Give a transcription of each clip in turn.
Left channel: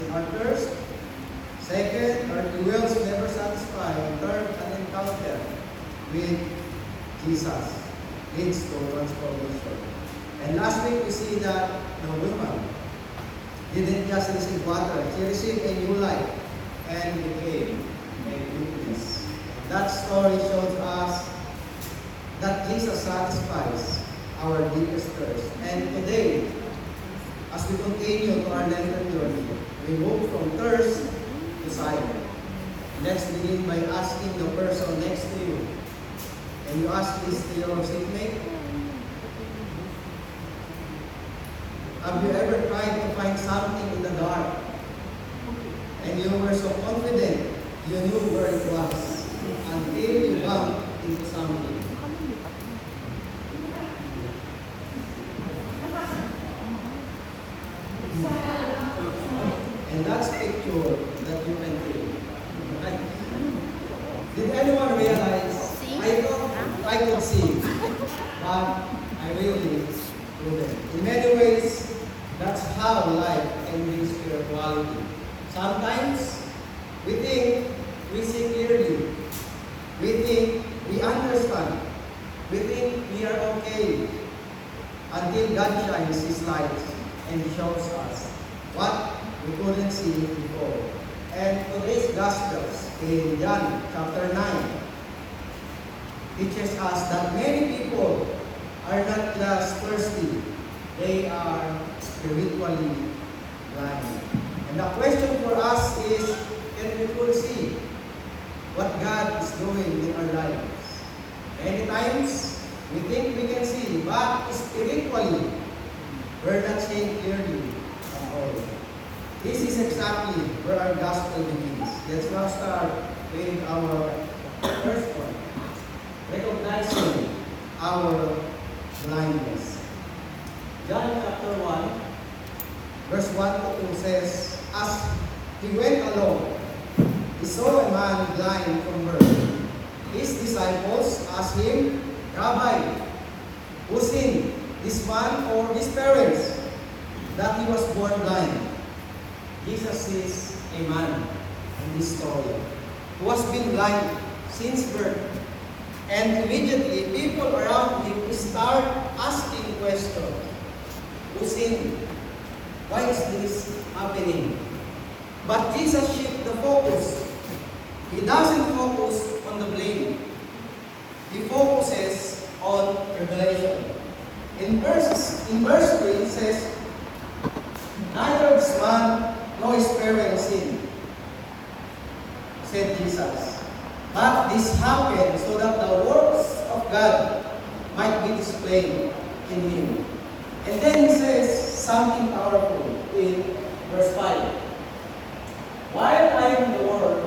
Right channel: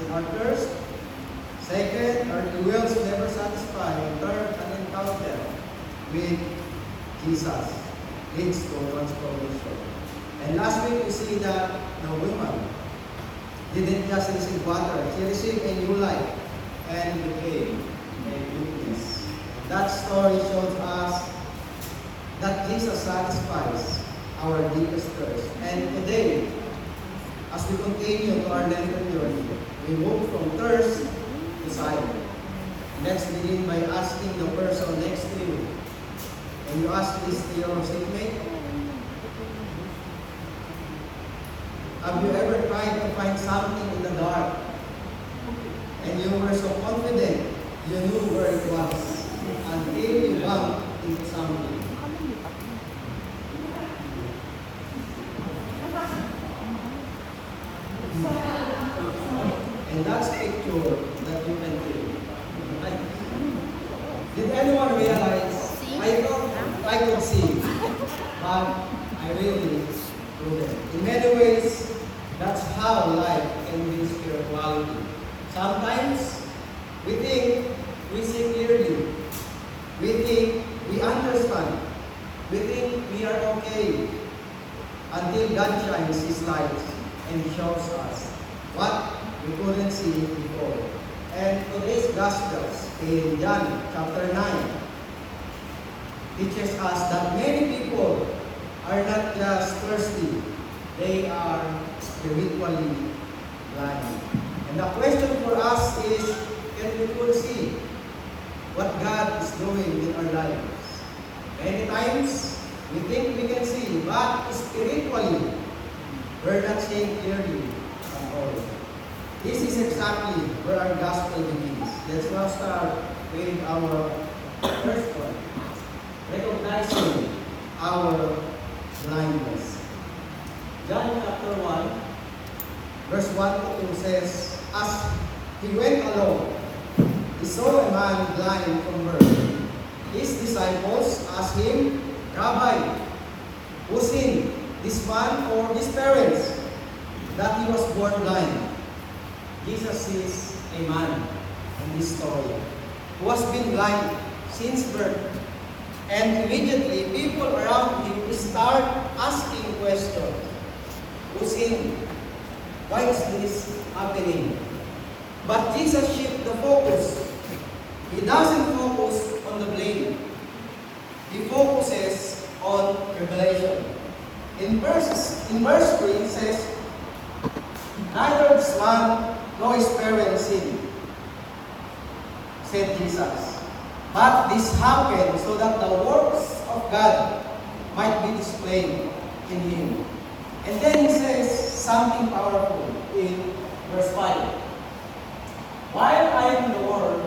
in our thirst. Second, our wells never satisfy. Third, an encounter with Jesus leads to transformation. And last week we see that the woman didn't just receive water, she received a new life and became a witness. That story shows us that Jesus satisfies our deepest thirst. And today, as we continue to our Lenten journey, we move from thirst to silence. Let's begin by asking the person next to you. Can you ask this to your seatmate? Have you ever tried to find something in the dark and you were so confident you knew where it was until you bumped into something? And that's picture that you can feel. Right? Did anyone realize I thought I could see, but I really couldn't. In many ways, that's how life can be spirituality. Sometimes we think we see clearly. We think we understand. We think we are okay until God shines His light and shows us what we couldn't see before. And today's Gospels in John chapter 9 teaches us that many people are not just thirsty, they are spiritually blind. And the question for us is, can people see what God is doing in our lives? Many times, we think we can see, but spiritually, we're not seeing clearly at all. This is exactly where our gospel begins. Let's now start with our first one. Recognizing our blindness. John chapter 1, verse 1 to 2 says, as he went along, he saw a man blind from birth. His disciples asked him, Rabbi, who sinned, this man or his parents, that he was born blind? Jesus is a man in this story who has been blind since birth. And immediately, people around him start asking questions. Who sinned? Why is this happening? But Jesus shifts the focus. He doesn't focus on the blame. He focuses on revelation. In verse 3, it says, neither this man nor his parents sinned, said Jesus. But this happened so that the works of God might be displayed in him. And then he says something powerful in verse 5. While I am the Word,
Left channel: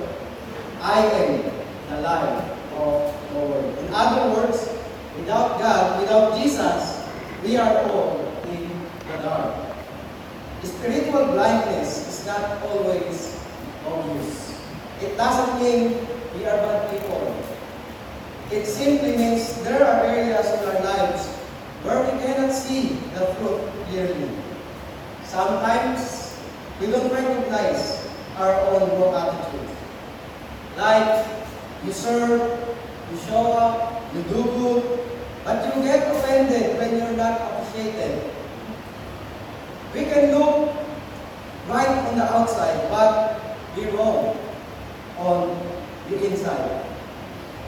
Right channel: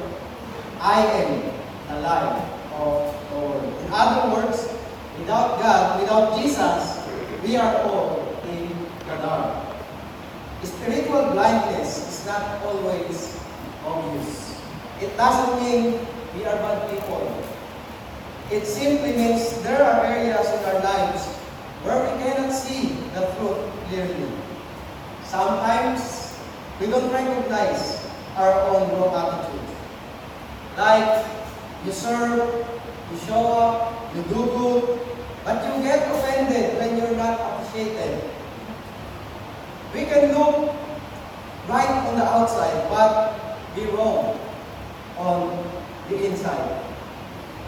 I am the life of the world. In other words, without God, without Jesus, we are all in the dark. Spiritual blindness is not always obvious. It doesn't mean we are bad people. It simply means there are areas in our lives where we cannot see the truth clearly. Sometimes we don't recognize our own wrong attitude. Like, you serve, you show up, you do good, but you get offended when you're not appreciated. We can look right on the outside, but be wrong on the inside.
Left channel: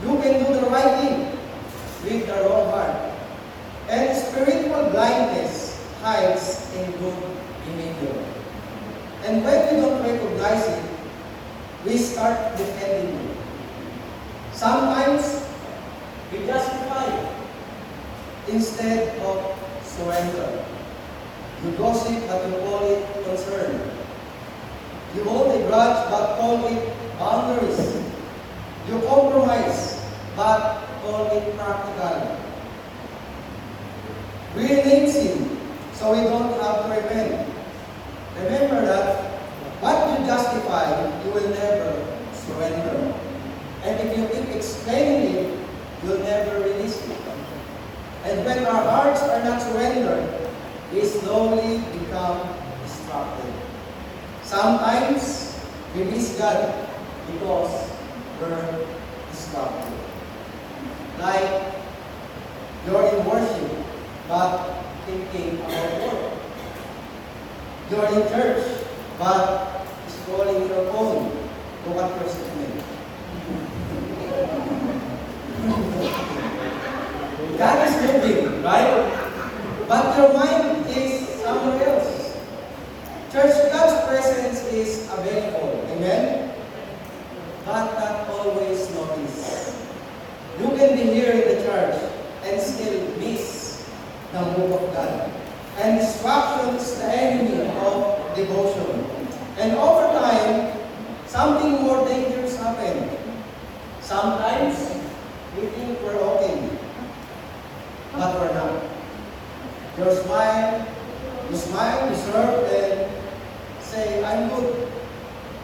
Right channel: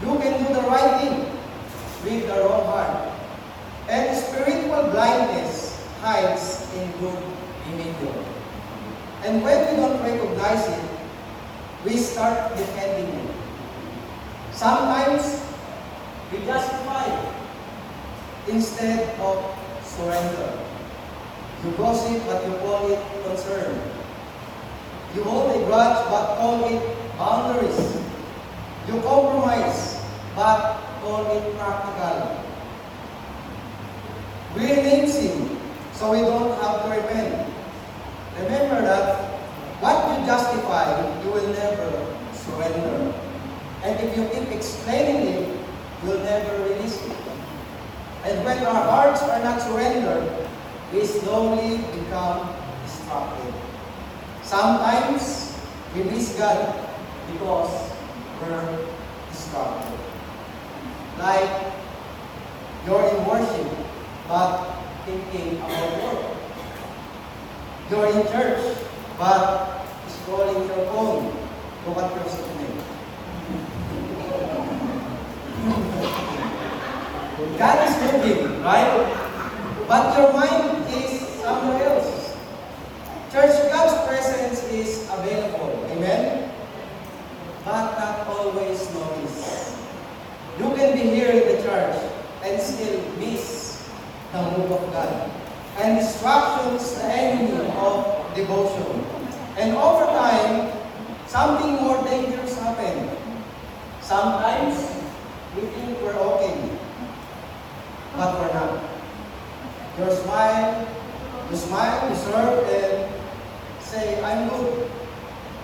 You can do the right thing with the wrong heart. And spiritual blindness hides in good behavior. And when we don't recognize it, we start defending it. Sometimes we justify it instead of surrender. You gossip, but you call it concern. You hold a grudge, but call it boundaries. You compromise, but call it practical. We rename sin, so we don't have to repent. Remember that what you justify, you will never surrender. And if you keep explaining it, you'll never release it. And when our hearts are not surrendered, we slowly become destructive. Sometimes we miss God because we're distracted. Like you're in worship, but thinking about work. You're in church, but scrolling your phone. Look at your statement. God is moving, right? But your mind is somewhere else. Church, God's presence is available. Amen? But not always noticed. You can be here in the church and still miss the move of God. And distractions, the enemy of devotion. And over time, something more dangerous happens. Sometimes, we think we're okay, but we're not. You smile, you serve, and say, I'm good.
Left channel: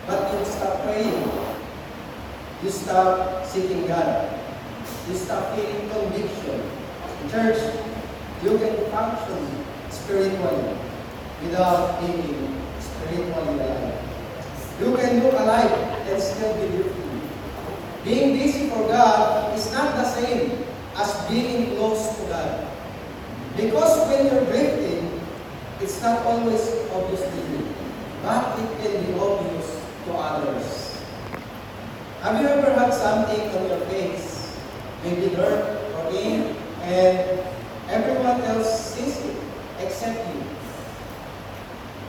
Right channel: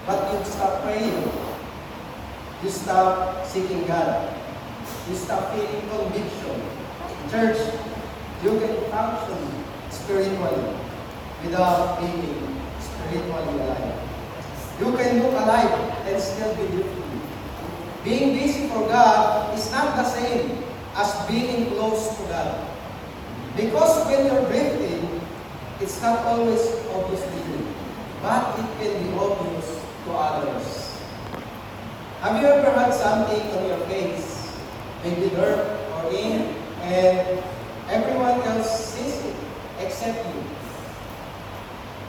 But you stop praying. You stop seeking God. You stop feeling conviction. Church, you can function spiritually without being spiritually alive. You can look alive and still be guilty. Being busy for God is not the same as being close to God. Because when you're drifting, it's not always obvious to you, but it can be obvious to others. Have you ever had something on your face, maybe dirt or ink, and everyone else sees it except you?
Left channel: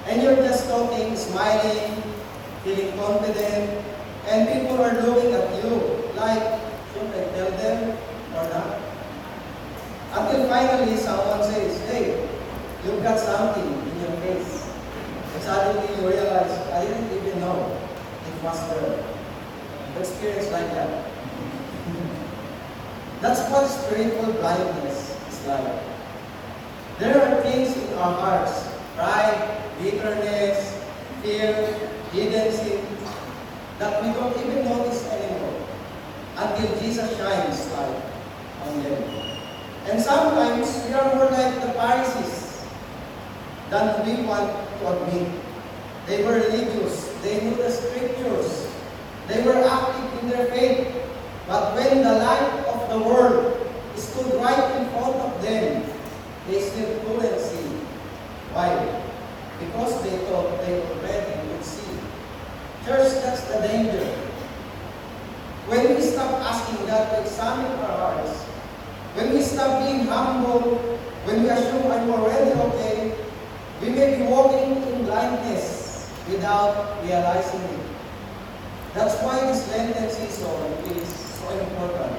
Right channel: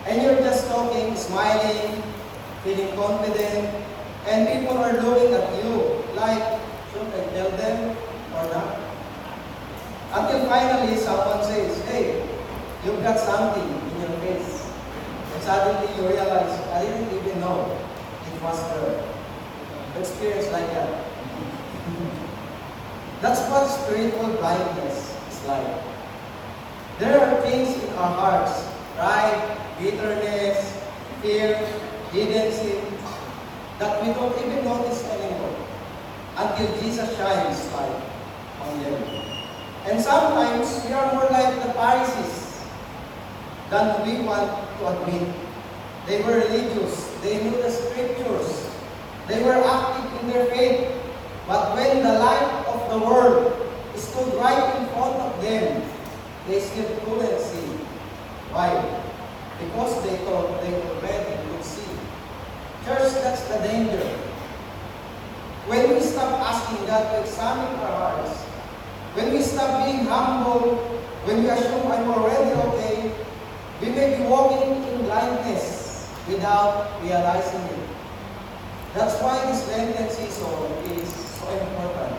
And you're just talking, smiling, feeling confident, and people are looking at you like, should I tell them or not? Until finally someone says, hey, you've got something in your face. And suddenly you realize, I didn't even know it was there. Experience like that. That's what spiritual blindness is like. There are things in our hearts, pride, bitterness, fear, hidden sin, that we don't even notice anymore until Jesus shines light on them. And sometimes we are more like the Pharisees than we want to admit. They were religious, they knew the scriptures, they were active in their faith, but when the light of the world stood right in front of them, they still couldn't see. Why? Because they thought they already could see. Church, that's the danger. When we stop asking God to examine our hearts, when we stop being humble, when we assume I'm already okay, we may be walking in blindness without realizing it. That's why this Lenten season is so important.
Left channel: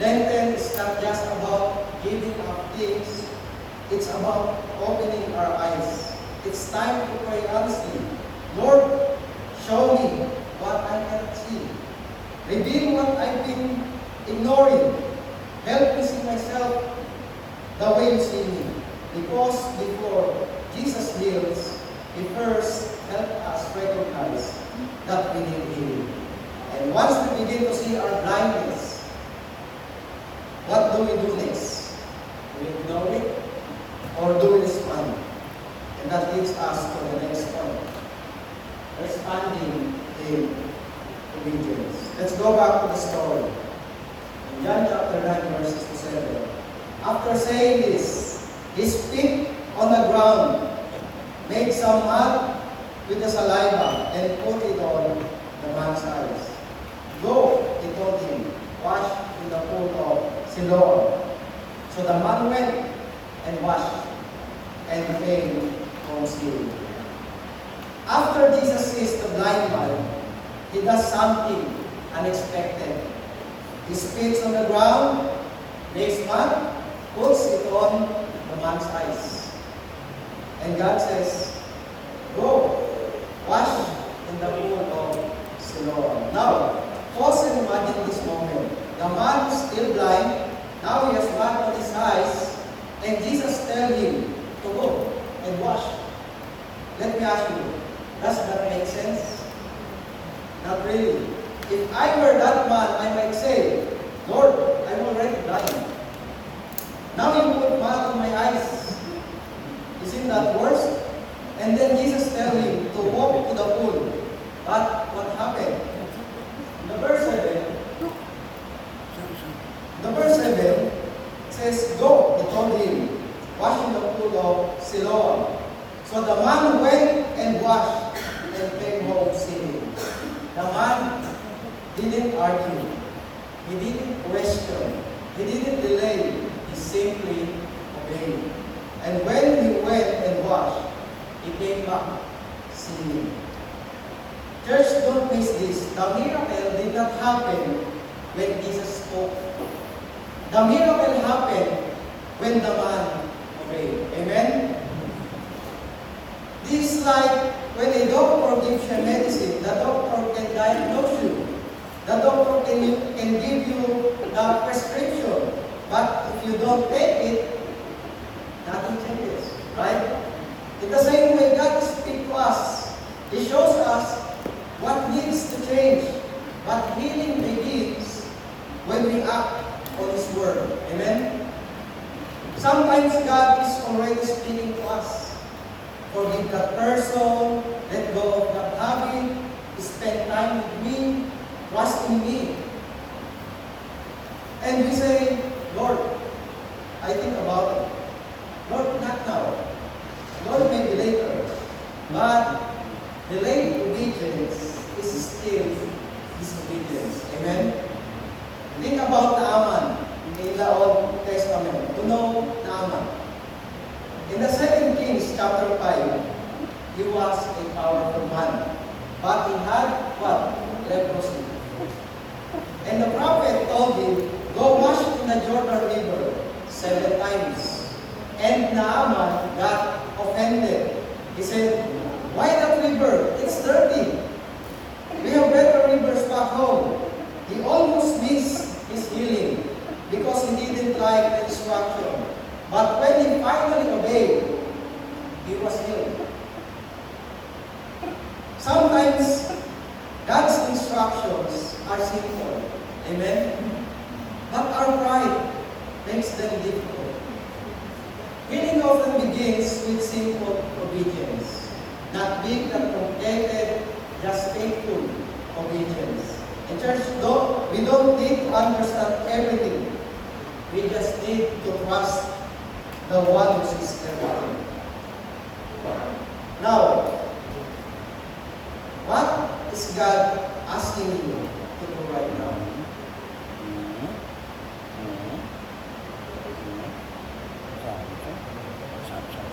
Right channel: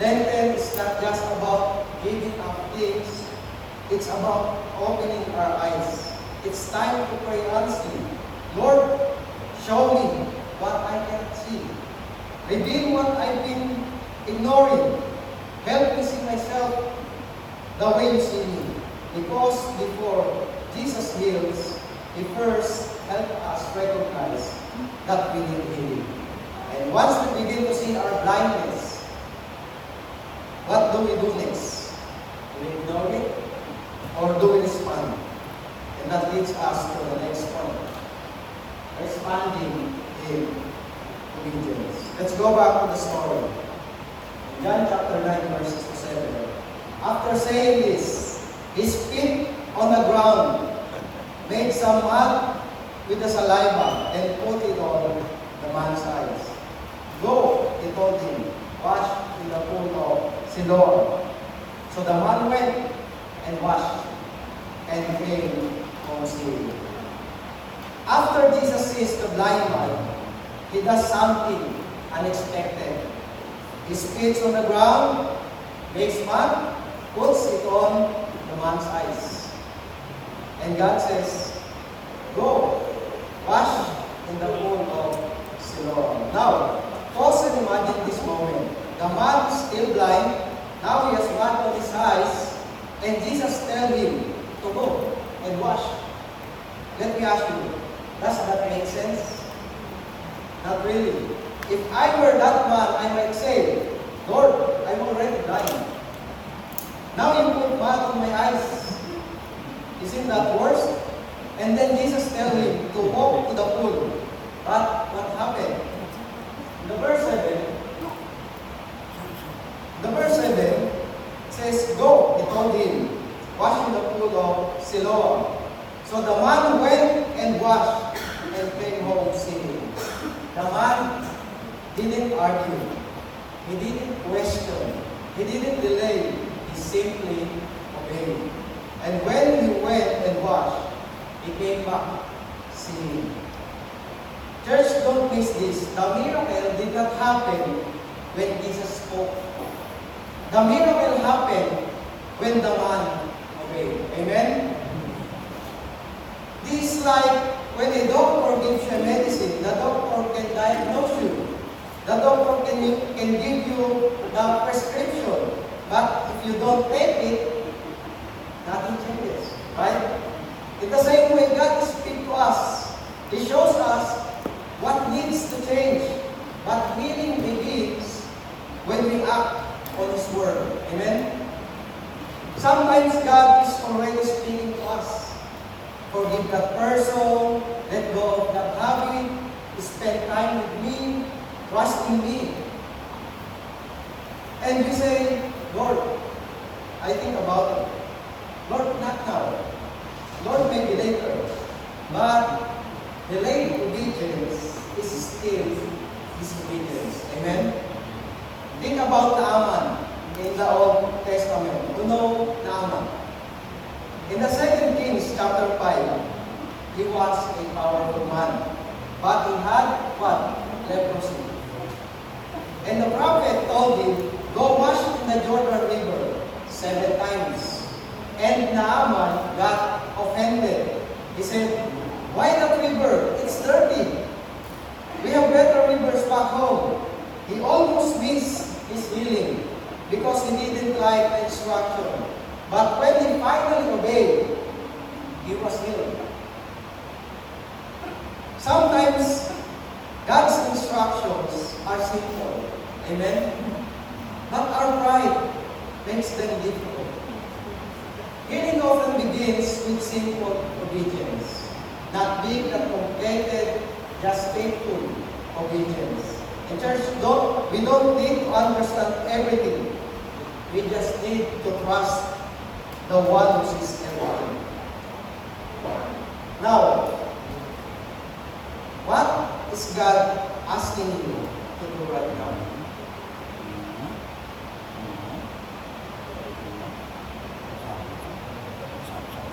Lenten is not just about giving up things, it's about opening our eyes. It's time to pray honestly. Lord, show me what I cannot see. Reveal what I've been ignoring. Help me see myself the way you see me. Because before Jesus heals, He first helps us recognize that we need healing. And once we begin to see our blindness, what do we do next? Do we ignore it? Or do we respond? And that leads us to the next point. Responding in obedience. Let's go back to the story. In John chapter 9, verses 7. After saying this, he spit on the ground, made some mud with the saliva, and put it on the man's eyes. Go, he told him, wash in the pool of Siloam. So the man went and washed, and became almost healed. After Jesus sees the blind man, he does something unexpected. He spits on the ground, makes mud, puts it on the man's eyes. And God says, go, wash in the pool of Siloam. Now, pause and imagine this moment. The man is still blind, now he has mud on his eyes, and Jesus tells him to go and wash. Let me ask you, does that make sense? Not really. If I were that man, I might say, Lord, I'm already blind. Now you put mud on my eyes. Isn't that worse? And then Jesus tells him to walk to the pool. But what happened? The verse 7 says, "Go," he told him, "wash in the pool of Siloam." So the man went and washed and came home singing. The man didn't argue. He didn't question. He didn't delay. He simply obeyed. And when he went and washed, he came back singing. Church, don't miss this. The miracle did not happen when Jesus spoke. The miracle happened when the man obeyed. Amen? This is like when a doctor gives you medicine, the doctor can diagnose you. The doctor can give you the prescription. But if you don't take it, nothing changes. Right? In the same way, God speaks to us. He shows us what needs to change. But healing begins when we act on His Word. Amen? Sometimes God is already speaking to us. Forgive that person, let go of that habit, spend time with me, trust in me. And we say, Lord, I think about it. Lord, not now. Lord, maybe later. But delayed obedience is still disobedience. Amen? Think about Naaman in the Old Testament. You know Naaman. In the 2 Kings chapter 5, he was a powerful man. But he had what? Leprosy. And the prophet told him, go wash in the Jordan River 7 times. And Naaman got offended. He said, why that river? It's dirty. We have better rivers back home. He almost missed his healing because he didn't like the instruction. But when he finally obeyed, he was healed. Sometimes God's instructions are simple. Amen? But our pride makes them difficult. Healing often begins with simple obedience. Not big, not complicated, just faithful obedience. In church, we don't need to understand everything. We just need to trust the one who is everything. Now, what is God asking you to do right now?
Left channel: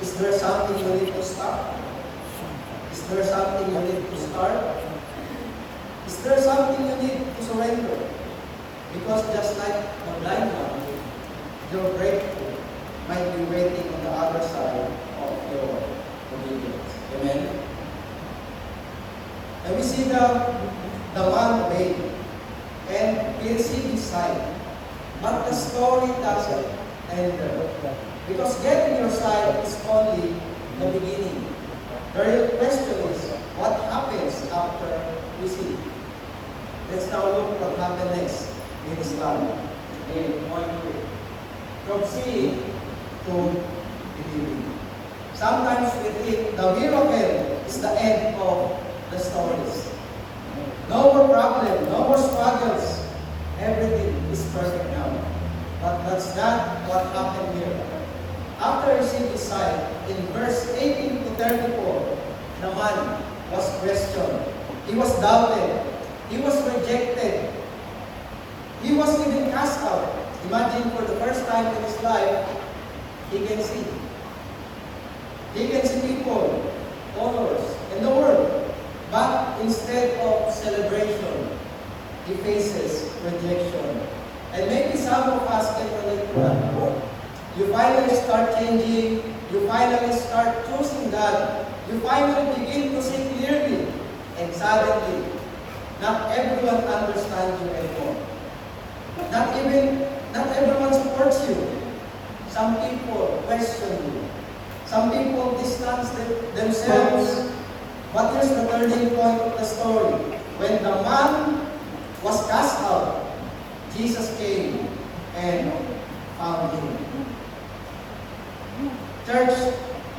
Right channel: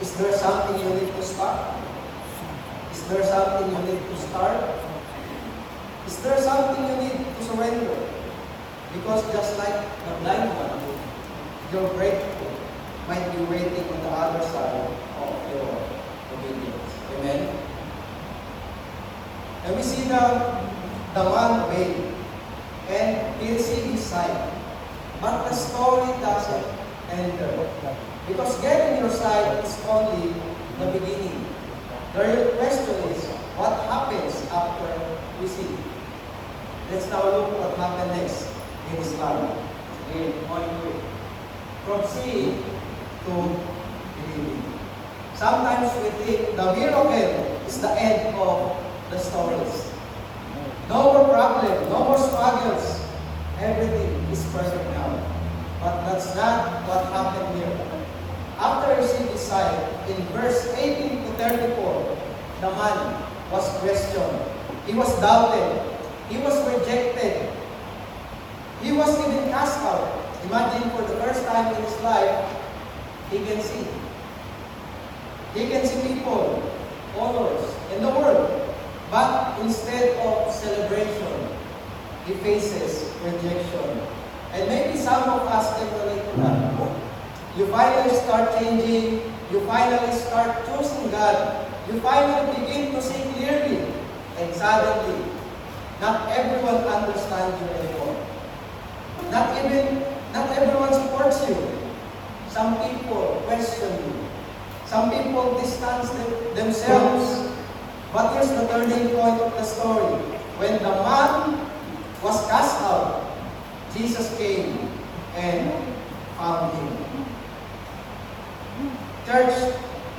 Is there something you need to start? Is there something you need to start? Is there something you need to surrender? Because just like the blind man, your breakthrough might be waiting on the other side of your obedience. Amen? And we see the man obeyed and he received his sight. But the story doesn't end there. Because getting your sight is only the beginning. The real question is, what happens after we see? Let's now look what happened next in his life. In point 2. From seeing to believing. Sometimes we think the miracle is the end of the stories. No more problem, no more struggles. Everything is perfect now. But that's not what happened here. After receiving his sight, in verse 18 to 34, the man was questioned. He was doubted. He was rejected. He was even cast out. Imagine for the first time in his life, he can see. He can see people, others, in the world. But instead of celebration, he faces rejection. And maybe some of us can relate to that. You finally start changing. You finally start choosing God. You finally begin to see clearly. And suddenly, not everyone understands you anymore. Not everyone supports you. Some people question you. Some people distance themselves. But here's the turning point of the story. When the man was cast out, Jesus came and found him. Church,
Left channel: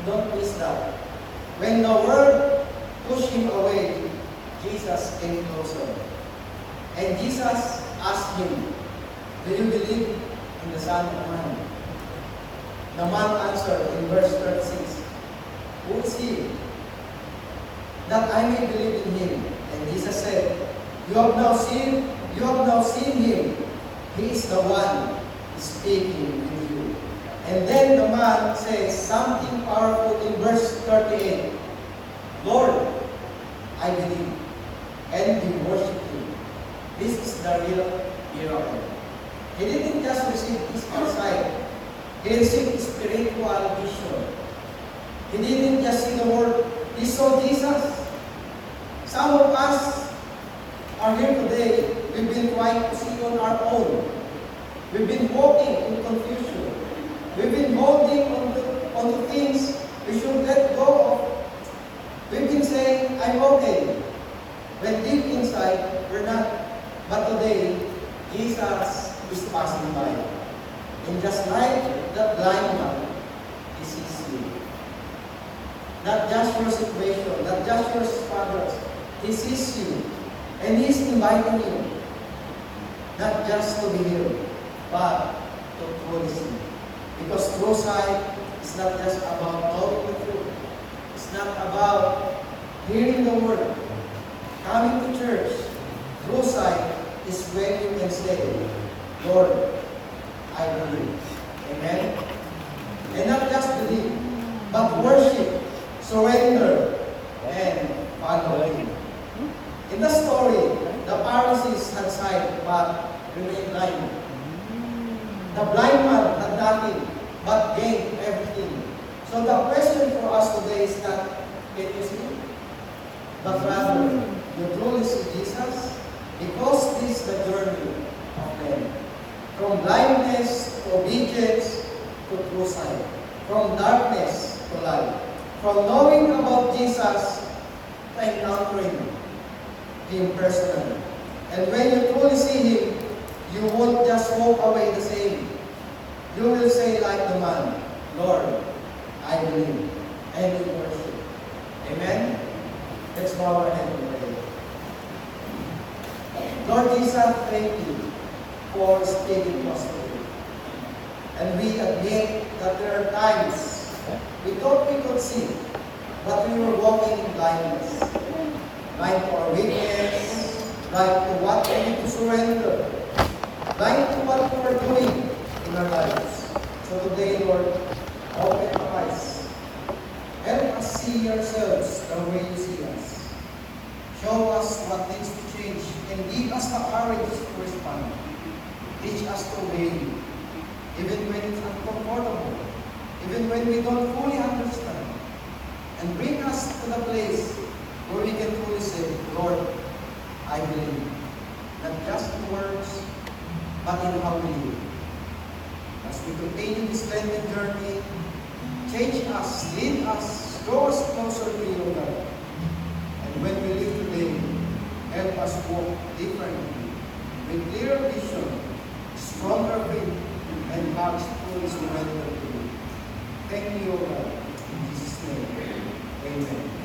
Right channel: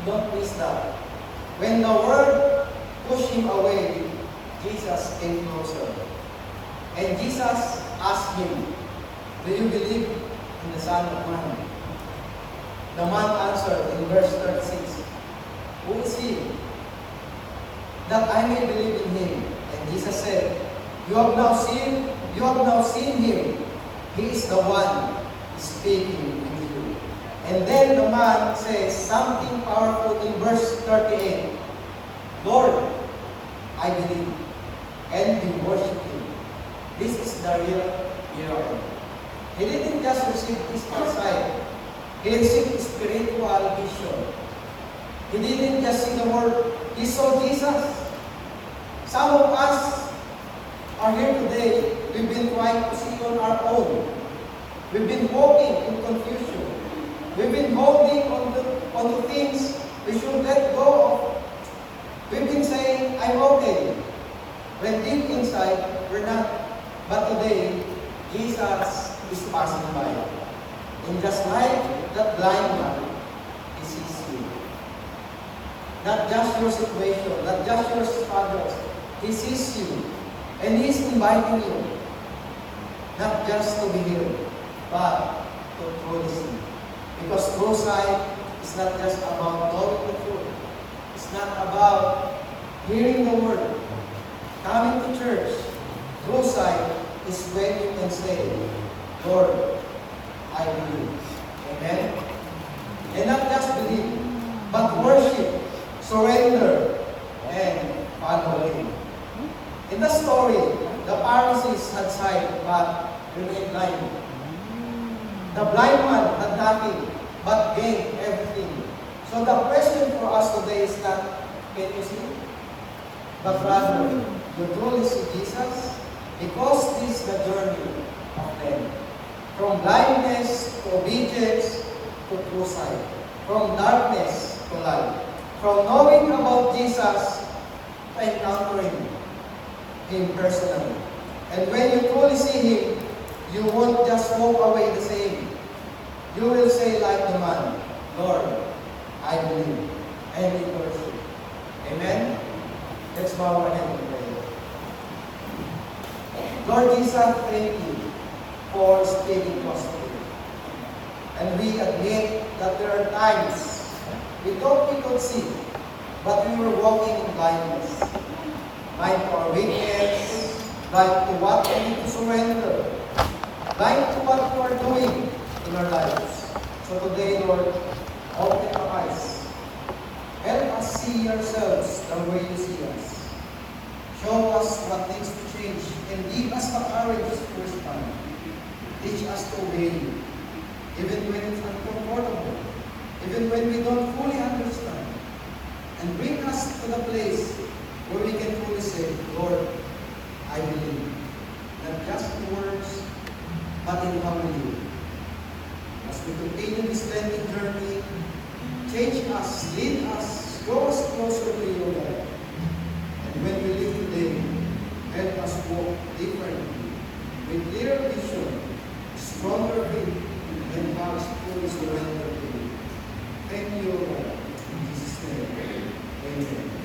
don't miss that. When the world pushed him away, Jesus came closer. And Jesus asked him, "Do you believe in the Son of Man?" The man answered in verse 36, "Who is he, that I may believe in him?" And Jesus said, You have now seen him. He is the one speaking with you." And then the man says something powerful in verse 38. "Lord, I believe." And we worship him. This is the real hero. He didn't just receive physical sight. He received spiritual vision. He didn't just see the word. He saw Jesus. Some of us are here today. We've been trying to see on our own. We've been walking in confusion. We've been holding on to things we should let go of. We've been saying, "I'm okay." When deep inside, we're not. But today, Jesus is passing by. And just like that blind man, He sees you. Not just your situation, not just your struggles. He sees you. And He's inviting you. Not just to be here, but to truly see. Because true sight is not just about knowing the truth. It's not about hearing the word, coming to church. True sight is when you can say, "Lord, I believe." Amen? And not just believe, but worship, surrender, and follow Him. In the story, the Pharisees had sight but remained blind. The blind man had nothing but gained everything. So the question for us today is not, can you see? But rather, you truly see Jesus? Because this is the journey of them. From blindness to obedience to true sight. From darkness to light. From knowing about Jesus to encountering Him personally. And when you truly see Him, you won't just walk away the same. You will say like the man, "Lord, I believe," and in worship. Amen? Let's bow our head and pray. Lord Jesus, thank you for speaking to us today. And we admit that there are times we thought we could see, but we were walking in blindness. Blind to our weakness, blind to what we need to surrender, blind to what we are doing in our lives. So today, Lord, open our eyes. Help us see ourselves the way you see us. Show us what needs to change and give us the courage to respond. Teach us to obey you, even when it's uncomfortable, even when we don't fully understand. And bring us to the place where we can truly say, "Lord, I believe." Not just in words, but in how we live. As we continue this lengthy journey, change us, lead us, draw us closer to you, God. And when we live today, help us walk differently, with clearer vision, stronger faith, and hearts fully surrendered to you. Thank you, God. In Jesus' name, amen.